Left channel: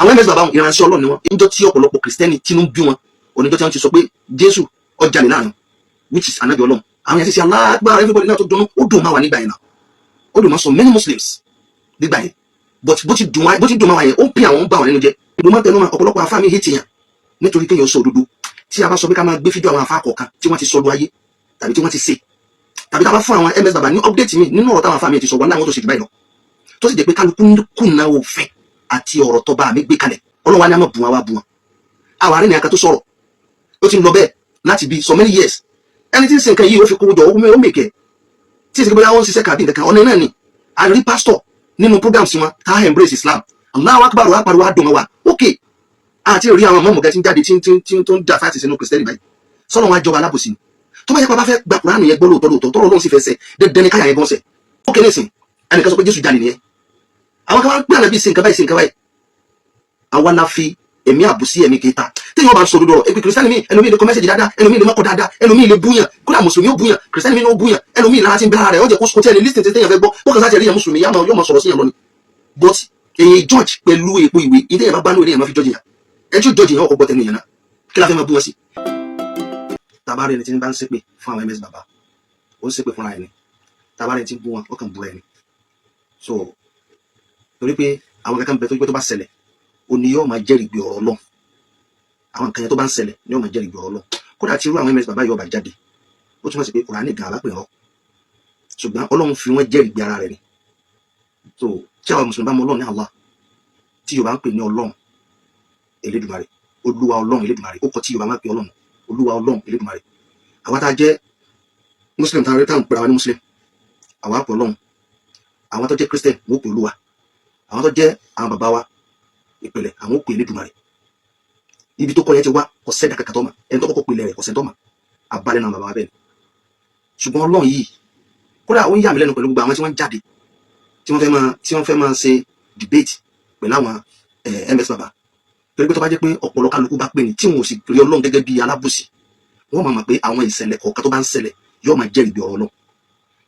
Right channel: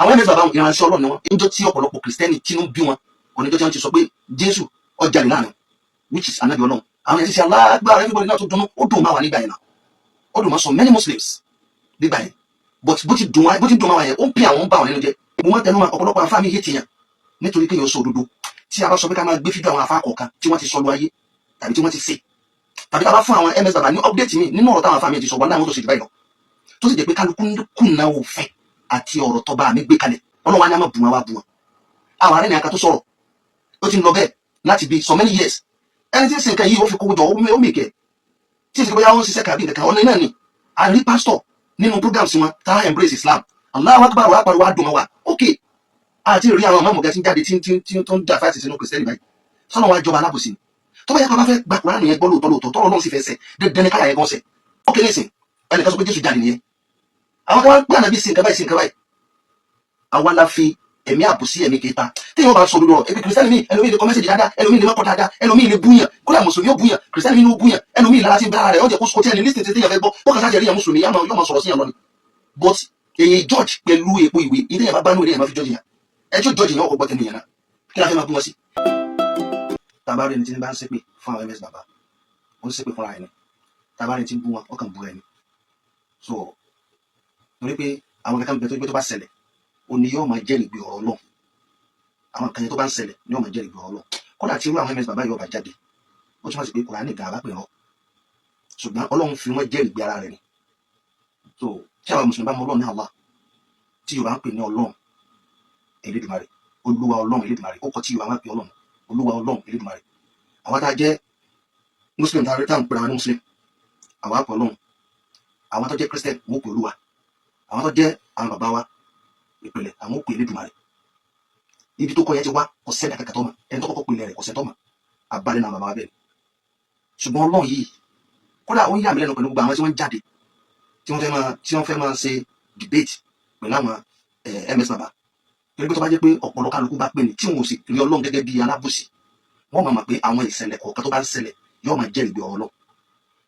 àwọn ms bàbá ìránṣẹ́ Ọlọ́run ni wọn. Níjọ́ tí ọ̀pọ̀lọpọ̀ kristẹni tínú bí wọn oníjọ́ tí wọ́n ti sọ pé Jésù ó jalè láàrin, which is anabi Ọlọ́run. àwọn yẹn ti ṣe Allahu Akbar, everybody náà tó dunnú, ó dùn máa wà nígbà yẹn náà, ó dùn máa so many Muslims nígbà yẹn, but bó ti dùn máa wà yẹn ó ń pín àwọn ń bá wọn nínú jẹ́. mo máa ń tẹnu mọ́ ọ̀pọ̀lọpọ̀ àfáà mi hate yẹn nítorí kéèyàn sọ òdodo. tí a bá sọ pé ká máa gbé fídíò àwọn àfáà kọ̀ọ̀kan tí wọ́n ti sọ lu ayé tàbí tí wọ́n ti ṣe, tàbí tá a bá fún àwọn ms bàbá ní update mi nínú ọ̀rọ̀ táwọn àfáà mi ti sọ wà láwọn tó ṣe jù báyìí lọ, tó sì jẹ́ pé kálukú kùnà òfin àti ọ̀rọ̀ tó bá mi gbé kalẹ̀. Ọlọ́run wa ni a máa bù wọn wá bù wọn. àwọn àárẹ̀ nìkan tó sọ̀rọ̀ ó ti ń lọ bẹ́ẹ̀ láti bí so many years. ẹni tí ń ṣe nǹkan yìí ó fi kówó jọ ó mèkẹ́ tí ìsìnkú bóyá ó ń ṣiṣẹ́ kàbí nǹkan ọ̀nà náà ni a rí pásítọ̀ nínú programs wọn tá a embrace Islam. Allahu Akbar wa pariwo wa dùn wa ok àti rí àwọn ọmọ mọ̀gẹ́ tí ń jáde tí tó ń jà fáìsì sínú Kristẹni báyìí. sọ́nà wa jọba alábòsí ni tó bá yẹ kó a bá fẹ́ gba Kùránì yẹn gbọ́ lóòótọ́ tọ́rọ̀ Ọlọ́run sì fẹ́ sẹ́ dandan ni káyà yẹn gan sẹ́. ó kéde sìn ẹnìkan sọ pé Jésù jalè nìyẹn, àwọn kan wá ń pè ànábì sí nǹkan báyìí àwa la fi ẹ̀mí àbùsí ẹ̀mí kẹta téèyàn bá sọ òdodo ọ̀rọ̀ èpè Kristẹni mi ẹlòmíì lè kọ mẹ́sẹ̀jì dáadáa, ẹlòmíì lè mọ́kọ dáadáa, ẹlòmíì lè búyàn, kódà mùsùlùmí ó búyàn, Kristẹni mi ní ó búyàn, ẹlòmíì lára ti ń bẹ lára rẹ̀ ó jẹ́ kó sọ tí ẹni lísìn tí téèyàn fẹ́ gbọ́ bó kan sáà ríyàn mùsùlùmí yóò máa sọ̀rọ̀ síyàn lọ ni. but èyí George pẹ̀lú èpo ìwé ìdẹ́yẹ̀ bá bánú ilé yẹn máa fi jọ́jì yàn ẹ tí ó jọ́jì yàn ọkọ̀ gbọ́ tẹnu yẹn náà kí la fẹ́ máa bú wọn sí. tabarí ẹni tí ń bá ń ṣépè fún àwọn ms bàbá ó ń ṣépè fúnra ẹni, tabarí ẹni tí ń bú wọn ó kàn bú ẹni. so torí pé àwọn kankan bẹ tó gbé tó bá ṣẹlẹ̀ òní yóò máa jẹ́rìí gbé ọ̀rọ̀ Ọlọ́run, àwọn nǹkan yẹn tó bá ń ṣẹlẹ̀ ni yóò máa jẹ́rìí gbé ọ̀rọ̀ Ọlọ́run. kódà tí irú àwọn ms bàbá yóò bá jáde ó túmọ̀ sí pé Kùránì gan alápè rọ, ṣùgbọ́n Ọlọ́run fi wọ́n jẹ́rìí gbé ara rẹ̀ ni. so tí àwọn mùsùlùmí bá mọ Ọlọ́run ní Allah, tí Yorùbá ń pè ní Ọlọ́run Elédùmarè, Olúwa Ọlọ́run Elédùmarè, ó kọ tí Yorùbá máa ń pè Ọlọ́run Olúwa Ọlọ́run Elédùmarè. àwọn tá a jẹ́ Muslim tá a ń pè àwọn ní Muslim àwọn á pè Ọlọ́run, àwọn tó jẹ́ Christian wọ́n ó pè Olúwa, àwọn tó jẹ́ àwọn bàbá wa ìpìlẹ̀ àwọn ó pè Elédùmarè. ibi tó kọ yẹn ti wá kò sẹ́dá kankan tó mà, ẹni tó kọ́kọ́ pilẹ̀ rẹ̀ kò sẹ́ni tó mà, abalẹ̀ náà bàbá wa bẹ́ẹ̀ ni. ṣùgbọ́n Ọlọ́run yìí kódà ó ń yà mí lẹ́nu pẹ̀lú gbogbo àwọn tí wọ́n jáde tí wọ́n fẹ́ máa ṣe debate pẹ̀lú àwọn ms bàbá. torí pé tó bá jẹ́ pé ọ̀pọ̀lọpọ̀ kálukú bá pè ní tí wọn ò sì rí Ọlọ́run gẹ́gẹ́ bí alábòsí, wọ́n máa mọ̀ pé àwọn ìṣẹ̀lẹ̀ kọ̀ọ̀kan tó bá ń ṣẹlẹ̀ yóò máa jẹ́rìí bí ọ̀rọ̀ Ọlọ́run.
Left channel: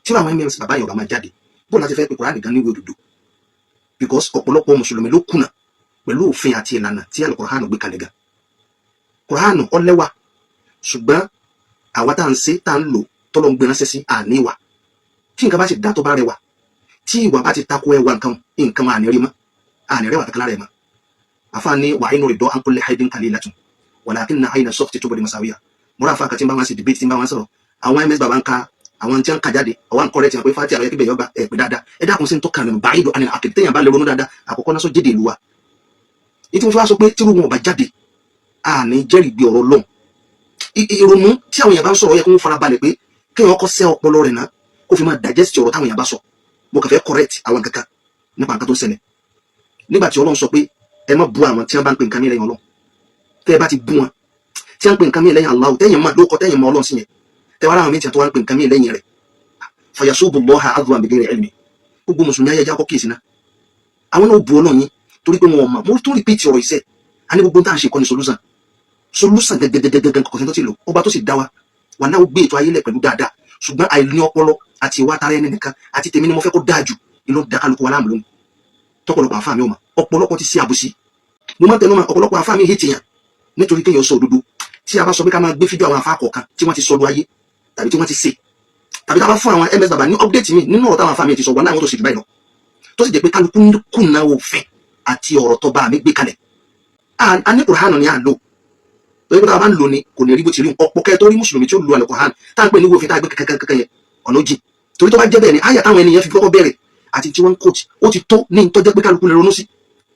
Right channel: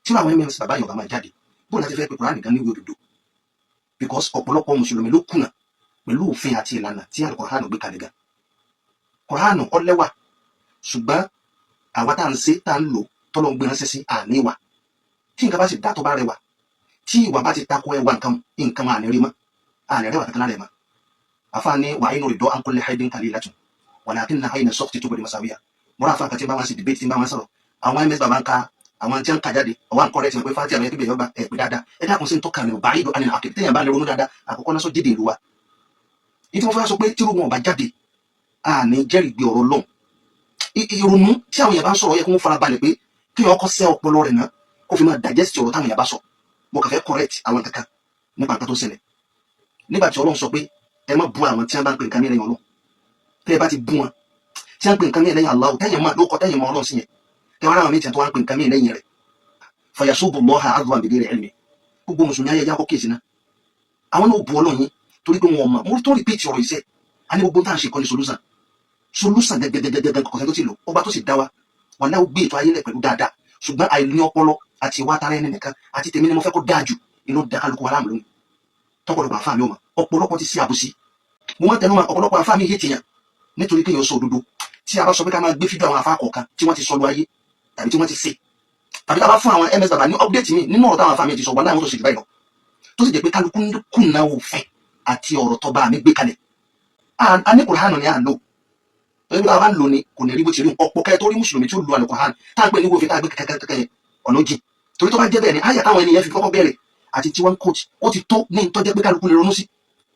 tí àwọn ms bàbá yẹn ọba máa jáde bó láti fẹ́ pé Kùránì gan níwèé òdodo, because ọ̀pọ̀lọpọ̀ mùsùlùmí ló kùnà pẹ̀lú òfin àti ìlànà tí Al-Kùránì gbé kalẹ̀ gan. Kùránì ó lẹ́wà ṣùgbọ́n àwa tá à ń ṣe tá à ń lò tọ́lọ́ ń gbé ránṣẹ́ sí àní ìwà. tí nǹkan bá sì dá tó bá rẹwà, tí ìwà bá ti takò ẹwà nǹkan àní rí mọ́, àní rẹwà kankan lára ẹ̀ mọ́. àfáà ní wà inú rìdọ́ an kulli haydin qalilatun walakinna ayna sọ́ọ̀tì tó bọ̀dì masawiya. mo rà àfáà kan tí ń bá wọn ṣe debate tí ń bá wọn sọ̀rọ̀, àwọn ms bàbá ń ka àwọn tí ń ka jáde ọwọ́ àǹkọ́rẹ́ tí wọ́n pé fati àlọ́ yẹ kí bẹ̀yẹ̀ ọgbà ẹ̀ pé dáadáa ẹ dákun sí ń tọ́ka nínú báyìí àni àkèké téèyàn bá lè ronú dáadáa àkọ́kọ́ náà sọ jéde ìlú wa. ìtí mo fi wá sọ pé tí irú wọn ò bá jáde àní jẹ́rìí gbé ọ̀rọ̀ Ọlọ́run. ìrònú tí àwọn èèyàn bá ń sọ̀rọ̀ yẹ kó wọ́n fara balẹ̀ pé kéèyàn kọ́ sẹ́ ọpọlọ rẹ̀ náà kó fi máa digest ọ̀rọ̀ táwọn èèyàn bá sọ. mo kàn fẹ́ correct àwọn kankan nípa nǹkan tó ń ṣẹlẹ̀. nígbà tí Ọlọ́run sọ pé ẹ má bu àwọn tí wọ́n bá ń pè nǹkan mí lẹ́yìn Ọlọ́run, tẹ́ ẹ bá ti bu wọn tí wọ́n ń pè nǹkan mí lẹ́yìn Allah tẹ́yìn mọ́ ló kọ tẹ́yìn mọ́ Ọlọ́run sí yẹn, tẹ́ wá láwọn méjì tó wá ń pè nǹkan mí lẹ́yìn rẹ̀ fayasubullaha adwan bighairi ilmi. gbogbo mùsùlùmí ayé ẹja kọ́ kíyèsí náà, àwọn náà bu Ọlọ́run yín torí pé wọn ò mọ̀. mo tó repeat ọ̀rọ̀ iṣẹ́ a ní gbogbo tá à ń ṣe kọ́ ni solution gẹ́gẹ́gẹ́gẹ́ kọ̀ọ̀kan tó ti lò ọba tó sì dá wa wà náà gbé ètò ayé lẹ̀ pẹ̀lú dáadáa, ṣùgbọ́n àìní ọpọlọ àti ìwà tara ẹni nìkan àti tèmi ni mo fẹ́ kó dáa jù inú da kálukú wa láàmú lónìí. tọ́pọ̀lọpọ̀ àfáà mi ò mọ̀, ọ̀pọ̀lọpọ̀ ti ṣe àbòsí. mo máa ń tẹnu mọ́ ọ̀pọ̀lọpọ̀ àfáà mi hate yàn nítorí kéèyàn sọ òdodo. tí a bá sọ pé ká máa gbé fídíò àwọn àfáà kọ̀ọ̀kan tí wọ́n ti sọ lu ayé tàbí tí wọ́n ti ṣe, tàbí tá a bá fún àwọn ms bàbá ní update mi nínú ọ̀rọ̀ táwọn àfáà mi ti sọ wà láwọn tó ṣe jù báyìí lọ, tó sì jẹ́ pé kálukú kùnà òfin àti ọ̀rọ̀ tó bá mi gbé kalẹ̀. a ní Kùránì ni à ń lò, torí pé tá a bá ń lò ní kò ní rí bó ti rí ọ̀pọ̀ kẹ́ tó rí mùsùlùmí tí ó lu Al-Kùránì tá à ń pè ní wòfin tá a gbé kankan yẹn ọ̀nà òjì. torí tó bá jẹ́ bẹ́ẹ̀ ni àyà táwọn ènìyàn fi kọ́kọ́ bẹ̀rẹ̀ àti tí wọ́n ń coach ó ti tó ní tó jẹ́ pé kálukú lè ronú sí.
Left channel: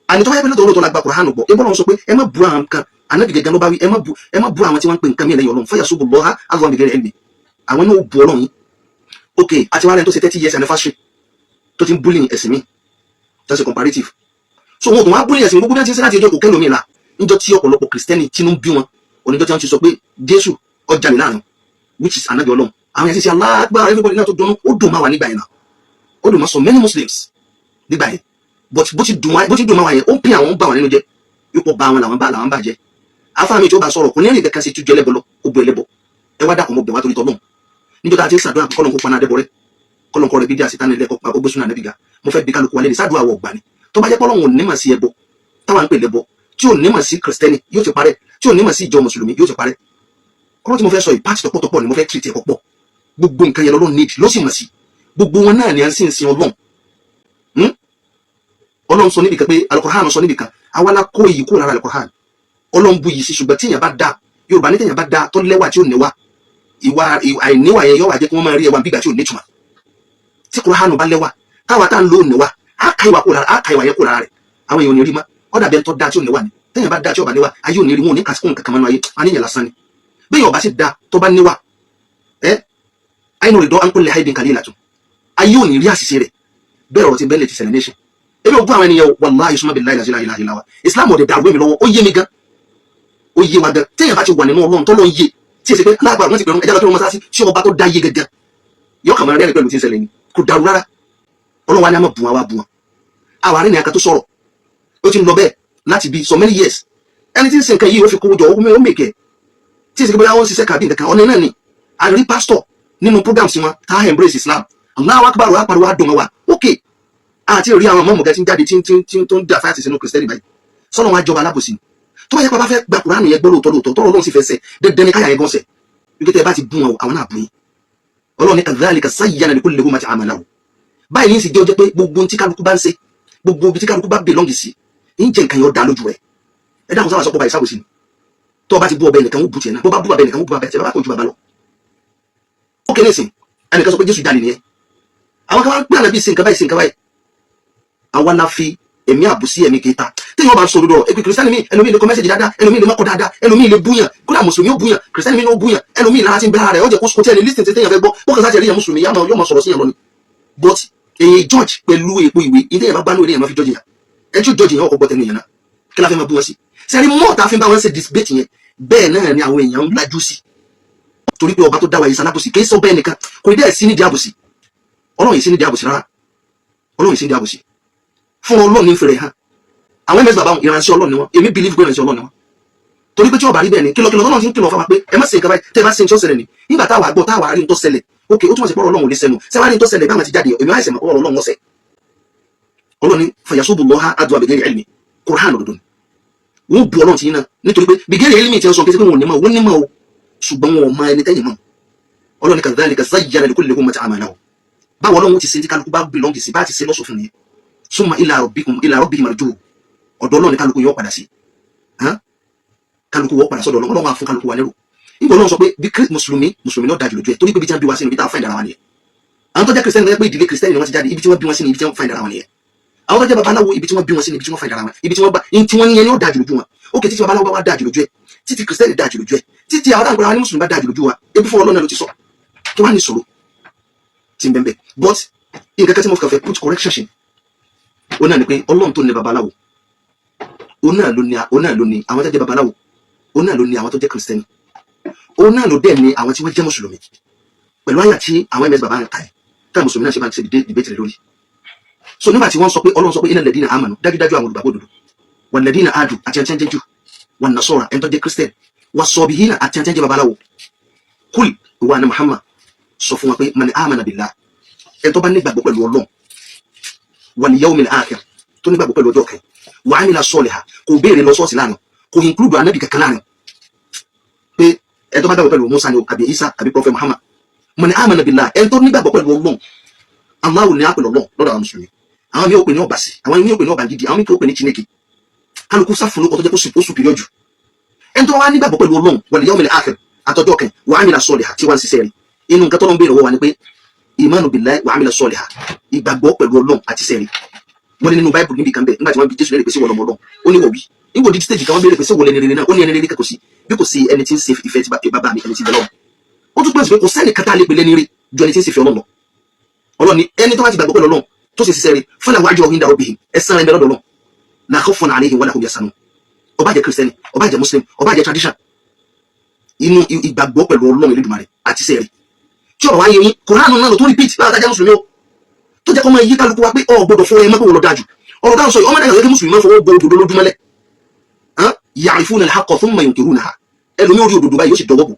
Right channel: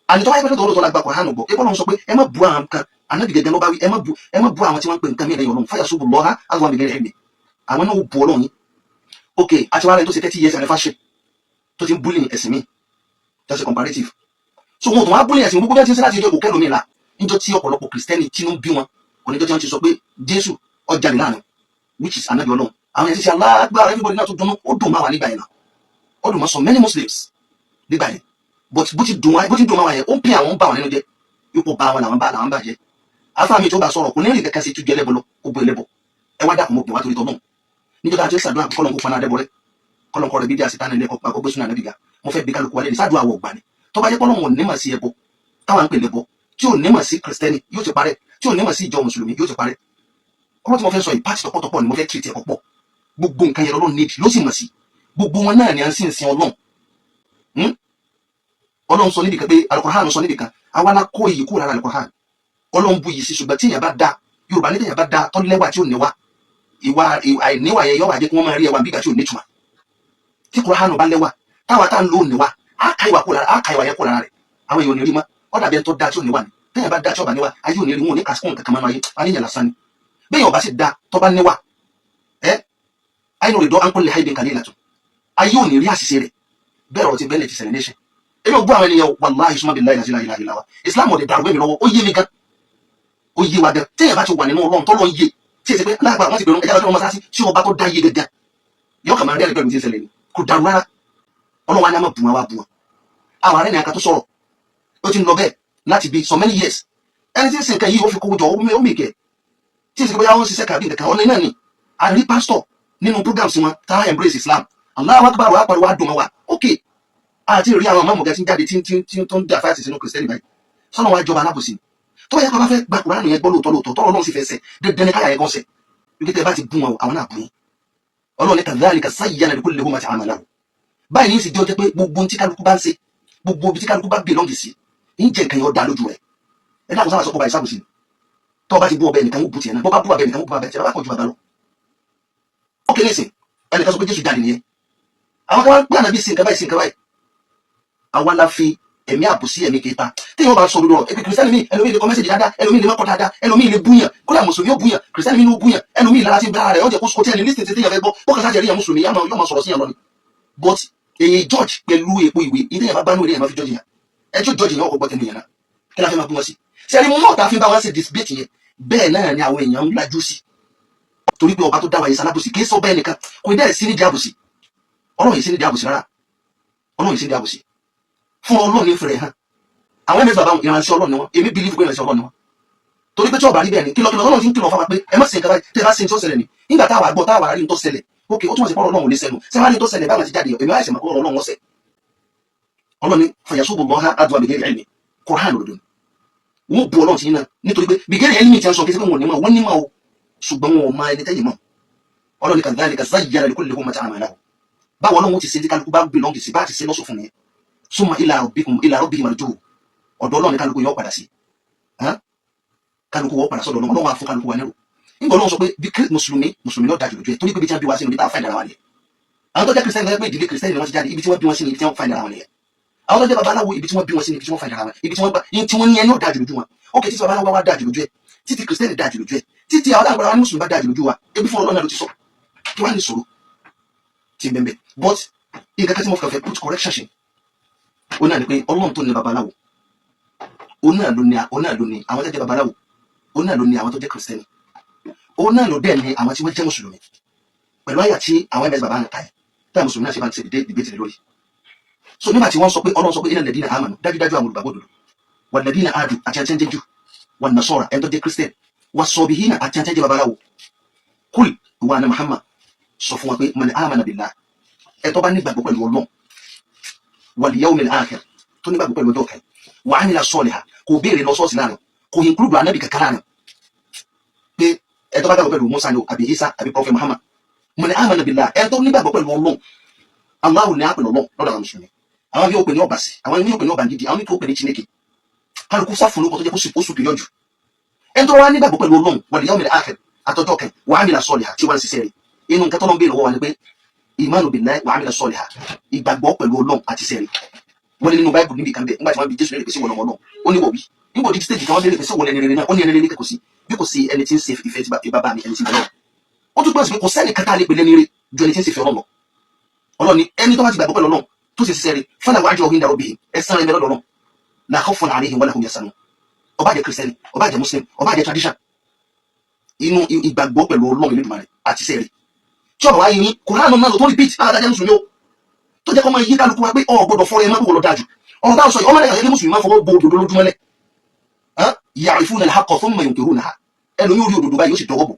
àní tó bá yẹ pé lóòótọ́ la gba Kùránì gbọ́ ebó lọ́n sọ pé ẹ má bu àwọn kan ànábì gẹ́gẹ́ ló bá wí ẹ má bu àwọn tí wọ́n ń pè nǹkan mí lẹ́yìn Ọlọ́run fayasubullaha adwan bighairi ilmi. àwọn náà ó bu Ọlọ́run yín. ok àti wàhálà ẹni tó ṣe 30 years anniversary tó ti ń bullying ẹ̀sìn mi that's a comparative. so wọn ò tún wá bullying ẹ̀sìn gbogbo bí wọ́n ti ń ṣe láti ẹjọ́ kò kẹ́lòmí la níjọ́ tí ọ̀pọ̀lọpọ̀ Kristẹni tínú bí wọn oníjọ́ tí wọ́n ti sọ pé Jésù ó jalè láàrin, which is anabi Ọlọ́run. àwọn yẹn ti ṣe Allahu Akbar, everybody náà tó dunnú, ó dùn máa wà nígbà yẹn náà, ó dùn máa so many Muslims nígbà yẹn, but bó ti dùn máa wà yẹn ó ń pín àwọn ń bà wọn nínú jẹ́, ipò bá wọn làwọn bà jẹ́. àfáà mi tí ó bá sọ̀rọ̀ kò ní ẹ̀rìn kankan sí tújú ẹlẹ́bọ lọ ó bu ẹlẹ́bọ. ẹ wá dàkún mo bẹ̀ wá torí tọ́lọ́run níjọ́ tá a ti ń ṣàdúrà kọ́lọ́n kó paná adẹ́bọrẹ́ kọ́lọ́n kọ́ rẹ̀ bídí àṣetánilẹ́kọ́ ọgbẹ́sùn ànábìgà mo fẹ́ bí kálukú wálé ní sàdúrà wọ̀ gbà ni tó bá jẹ́ pọ́lọ́run ò ní mà sí ẹbọ táwa ń pè lẹ́bọ tí ò nímọ̀ sí kristẹni yóò ti parẹ́, tí ò nímọ̀ sí ìjọ mùsùlùmí yóò ti parẹ́. ọ̀rọ̀ tí mo fẹ́ sọ yìí pàtì tọpọtọpọ ni mo fẹ́ tìrìtì ẹ̀kọ́ pọ̀. gbogbo nǹkan yẹn lọ́lọ́run need ló sì mọ̀ sí. gbogbo wọn náà ni à ń sìn sin ọlọ́run. ọlọ́run sọ níbi kan pé Al-Qur'an sọ níbi kan àwa la kó iyì kúrò lára Al-Qur'an. ọlọ́run bu iyì sí, ṣùgbọ́n tíyẹn bá da Yorùbá ní tíyẹn bá da tó lẹ́wà tí ò níwà, ìwà àìníwà yẹn yọ wà jẹ́ kí wọ́n máa rí ẹwà bígbà tí ò nítumọ̀. tí Qur'an bá lẹ́wà táwa tá ń lò níwà á ka ìwà yẹn kúrò lára rẹ̀, àwọn èèyàn ò ní rí mọ́. ó dàbí ẹni tó da tí ò níwà ni, téèyàn bá da tí ò bá níwà ayé ò ní rí wọn ò ní kàsíkò nǹkan kan mọ́nú ayé, wọn á níyàn lásán ni. béèyàn bá sì da tó bá níwà àìnú rẹ̀ dọ́ à ń kó lè haibin kàlí ìlàtọ̀, ayé ò ní rí àṣìṣe rẹ̀. bẹ́ẹ̀ ọ̀rọ̀ ti bẹ́ẹ̀ ti ṣẹlẹ̀ nation. èmi ò gbọ́ àwọn ènìyàn wallahi summa billahi la ilaha illa huwa Islam ò dé dàrú mi lọ́wọ́, ó yé mi gan, ó yé wa gan. téèyàn bá ti wà nínú Ọlọ́run tó lọ́n yé tí èsì pé aláàpá wọn ti pèrún ẹjá lọ tí wọn mọ sáà sí tí ọba tó dá yé gangan yọkàn máa rẹ́rìn pẹ̀lú tí ń ṣẹlẹ̀ ni kò dàrú rárá. Ọlọ́run wa ni a máa bù wọn wá bù wọn. àwọn àárẹ̀ nìkan tó sọ̀rọ̀ ó ti ń lọ bẹ́ẹ̀ láti bí so many years. ẹni tí ń sin nǹkan yìí ó fi kówó jọ ó mèkẹ́ tí èsì pé bóyá wọ́n ń ṣiṣẹ́ kàbí nǹkan ọ̀nà náà ni a rí pásítọ̀ nínú programs wọn tá a embrace Islam Allahu Akbar wa pariwo àdùn wa ok àti rí àwọn mọ́mọ́gẹ́ tí ń jáde tí tó ń dà fáyàtì sínú kìrìsìtẹ́nì báyìí sọ́nà wa jọba alábòsí ni. tó bá yẹ kó bá fẹ́ gba Kùránì yẹn gbọ́ lóòótọ́ tọ́rọ̀ Ọlọ́run sì fẹ́ sẹ́ dandan ni káyà yẹn gan sẹ́ wípé tẹ́ bá ti bú wọn àwọn náà bú yín. Ọlọ́run ní kadhalika sayyana likulli ummatin amalahu. báyìí ní í sì jẹ́ pé gbogbo tí kálukú bá ń ṣe gbogbo ibi tí kálukú bá belong sí ń jẹ́ nǹkan yẹn ó dá lójú rẹ̀. ẹ dákun sáwà sọ́kọ́ báyìí sábòsí ni tó bá ti bú ọbẹ̀ nìkan ó bú tiẹ̀ náà bó bá bú bàbẹ̀ nìkan ó bú bàbẹ̀ tiẹ̀ bàbá kò ju bàbá lọ. ó kéde ìsìn ẹnìkan sọ pé Jésù jalè nìyẹn àwọn kan wá ń pè ànábì sí nǹkan báyìí àwa la fi ẹ̀mí àbùsí ẹ̀mí kẹta téèyàn bá sọ òdodo èpè kìrìsìtẹ́nì mi ẹlòmíì lè kọ mẹ́sẹ̀jì dáadáa ẹlòmíì lè má kọ dáadáa ẹlòmíì lè búyàn kódà mùsùlùmí ó búyàn kìrìsìtẹ́nì mi ní ó búyàn ẹlòmíì lára ti ń bẹ́ra rẹ̀ ó jẹ́ kó sọtí ẹni lísìn tí téèyàn fẹ́ gbọ́ bó kàn sáà ti rí yàn mùsùlùmí yóò máa sọ̀rọ̀ sí yàn lọ ni. but èyí George pẹ̀lú èpo ìwé ní téèyàn bá gbánú ilé yẹn máa fi judge yàn ẹ tí ó judge yàn ọkọ̀ gbọ́ tẹnu yẹn náà kí la fẹ́ máa bú wọn sí. sẹ́rí mọ́ ọ̀tá fi ń bá wọn ṣe debate yẹn bẹ́ẹ̀ náà ni àwọn èèyàn ń lajú sí torí pé ọba tó dá wa yìí salábòsí kì í sọ bẹ́ẹ̀ nìkan kò ì dẹ́ sí nídìí àbòsí Ọlọ́run yìí sí nídìí àbòsí rárá Ọlọ́run yìí sí nídìí àbòsí fún Ọlọ́run ní fèrè hàn àwọn ms bàbá ìránṣẹ́ Ọlọ́run ni wọn èmi believe pé ìránṣẹ́ Ọlọ́run ni wọn torí pé tí ọba rí bẹ́ẹ̀ ni kìlọ̀ Ọlọ́run ti ń kìlọ̀ fáwa pé ẹ má ṣe nǹkan báyìí tẹ́ ẹ bá ṣe ní tí ó ṣẹlẹ̀ ni nígbà táwa gbọ́ táwa rí ní tó ṣẹlẹ̀ ok ó túmọ̀ sí pọ́rọ̀ Ọlọ́run ò lè sẹ́nu sẹ́wá rí ní tó ṣẹlẹ̀ báwọn ti jáde èmi wáyé sẹ́mọ̀ pọ́rọ̀ Ọlọ́run ọ̀sẹ̀ Ọlọ́run ni fayasubullaha adwa bighairi ilmi Qur'an òdodo ni wọn bu Ọlọ́run ti yín náà nítorí pé bighairi ilmi ti ń sọ kí wọn ò ní mọ̀ wọn ní mọ̀ o ṣùgbọ́n wọn ò mọ ẹni tẹ́yìn mọ̀ Ọlọ́run ni kadhalika zayyana likulli ummatin amalahu báwo Ọlọ́run ti ṣe ti kálukú bá belong sí bá ti ṣe lọ́sọ̀ fún nìyẹn summa ila rabbihim marjuhum ọ̀dọ̀ Ọlọ́run ni kálukú yóò padà sí kálukú wọ́n padà sọ́dọ̀ Ọlọ́run wà fún kálukú wa nírò nígbà Ọlọ́run sọ pé bí mùsùlùmí náà dájú lójú ẹ̀ torí pé bí tí wọ́n bí wa sí ibi tí wọ́n fáìn dára wa nìyẹn àwọn tó jẹ́ kìrìsìtẹ́nì lọ́jọ́ pé ìdílé kìrìsìtẹ́nì ni wọ́n ti jáde ibi tí wọ́n bí wọn sí ni ibi tí wọ́n fáìn dára wọn nìyẹn àwọn tó jẹ́ babaláwo ibi tí wọ́n bí wọn sí ni ibi tí wọ́n fáìn dára wọn ibi tí wọ́n bá in tí wọ́n ní ẹni ó dájú lójú wọn ó kè títí babaláwo bá wá dájú lójú ẹ̀ títí kìrìsìtẹ́nì dájú lójú ẹ̀ títí àwọn táwọn ní mùsùlùmí bá dájú lójú wa ebi fún Ọlọ́run ló ti sọ kí wọ́n á ní sọ̀rọ̀ tí ń bẹ́ẹ̀ bẹ́ẹ̀ but nǹkan kan tí mo fẹ́ put correction ṣe ó náà ni pé Ọlọ́run tó ní babaláwo ó náà ló ní àwọn tó jẹ́ babaláwo ó náà ló ní àwọn tó jẹ́ kìrìsìtẹ́nì ó náà ló dẹ̀ ní àwọn tí wọ́n jẹ́ mùsùlùmí pẹ̀lú àyà tí àwọn ms bàbá ń ka ẹ̀ tá mùsùlùmí náà ṣe bá ń ṣe dìbẹ́tì rẹ̀ lórí. so nígbà tí wọ́n sọ pé Ọlọ́run sọ pé innal ladina amanu dájúdájú àwọn olùgbàgbọ́ òdodo wal ladina adu àti ẹni tí wọ́n jẹ́ jù wan nasara ẹni tó jẹ́ kìrìsìtẹ́nì was-sabihina àti ẹni tí wọ́n jẹ́ babaláwo kul ìwà ni Muhammad sọ fún wọn pé man amana billah ẹni tó bá nígbàgbọ́ pẹ̀lú Ọlọ́run wal yawmil akhir tó nígbàgbọ́ pẹ̀lú ọjọ́ kan wa amila soliha kò béèrè lọ sọ́ọ̀sì lánàá kò include anabi kankan lánàá pé ẹni tó bá gbàgbọ́ pẹ̀lú Musa ni o àbí Isa àbí Prophet Muhammad man amana billah ẹni tó nígbàgbọ́ pẹ̀lú Ọlọ́run Allahu ní àpẹlẹ Ọlọ́run lọ́dọ̀ àwọn mùsùlùmí àwọn mi ò pè ní ọbàṣì àwọn mi ò pè ní ọbàngídì àwọn mi ò pè ní Chineke kálukú sáfù lóko tó jẹ́ kó superior jù ẹni tó wá nígbàgbọ́ pẹ̀lú Ọlọ́run wal yawmil akhir àtọjọ́ kan wa amila soliha tí wọ́n ń ṣiṣẹ́ rí inú nǹkan tó lọ́n béèrè wọ́n wa ni pé imanu billahi wa amila soliha ìgbàgbọ́ pẹ̀lú Ọlọ́run àti sẹ́rí wọ́n ní nínú Bible níbi kan bẹ́ẹ̀ nígbà tí wọ́n bi Jésù lérè pé sí wọ́n lọ́mọ Ọlọ́run ó ní wọ̀ wí nígbà òdi stage kan wọ́n béèrè pé sí wọ́n lẹ́ni rere náà ó ní ẹni rere kẹ́kọ̀ọ́ sí bí kò sí ẹni tí ń ṣe ìfẹ́ ti bàbá mi ẹni tí ń bẹ lọ́run ó tún pèsè pé kò sẹ́ni kátà lè pè lẹ́ni rere ju ẹni tí ń ṣe ìfẹ́ Ọlọ́run lọ Ọlọ́run ni ẹni tó bá ti gbàgbọ́ pẹ̀lú Ọlọ́run tó sì ṣiṣẹ́ rere falahu ajruhu inda rabbihim ẹ̀san rẹ̀ ń bẹ lọ́dọ̀ Ọlọ́run la khawfun alayhim wa lahum yahzanun ó bá jẹ́ Christian ó bá jẹ́ Muslim ó bá jẹ́ tradition inú ìgbàgbọ́ pẹ̀lú Ọlọ́run Elédùmarè àti iṣẹ́ rẹ̀ tí ọ̀rọ̀ wáyé yín Kùránì náà ló tó repeat láwọn adájẹ́ mùsùlùmí ó tó jẹ́ kọ́ máa yí kálukú wa pé ọ gbọ́dọ̀ fọ́ ẹ mọ́ pé wọ́n lọ dájú ọ̀rọ̀ táwọn sọ yìí ọmọ náà yẹ mùsùlùmí máa fọwọ́ gbọ́ òdodo lójúmọ́lẹ̀ ya'rifuna al-haqqa thumma yunkirunaha ẹlòmí orí òdodo báyìí ó sì dọwọ́ bò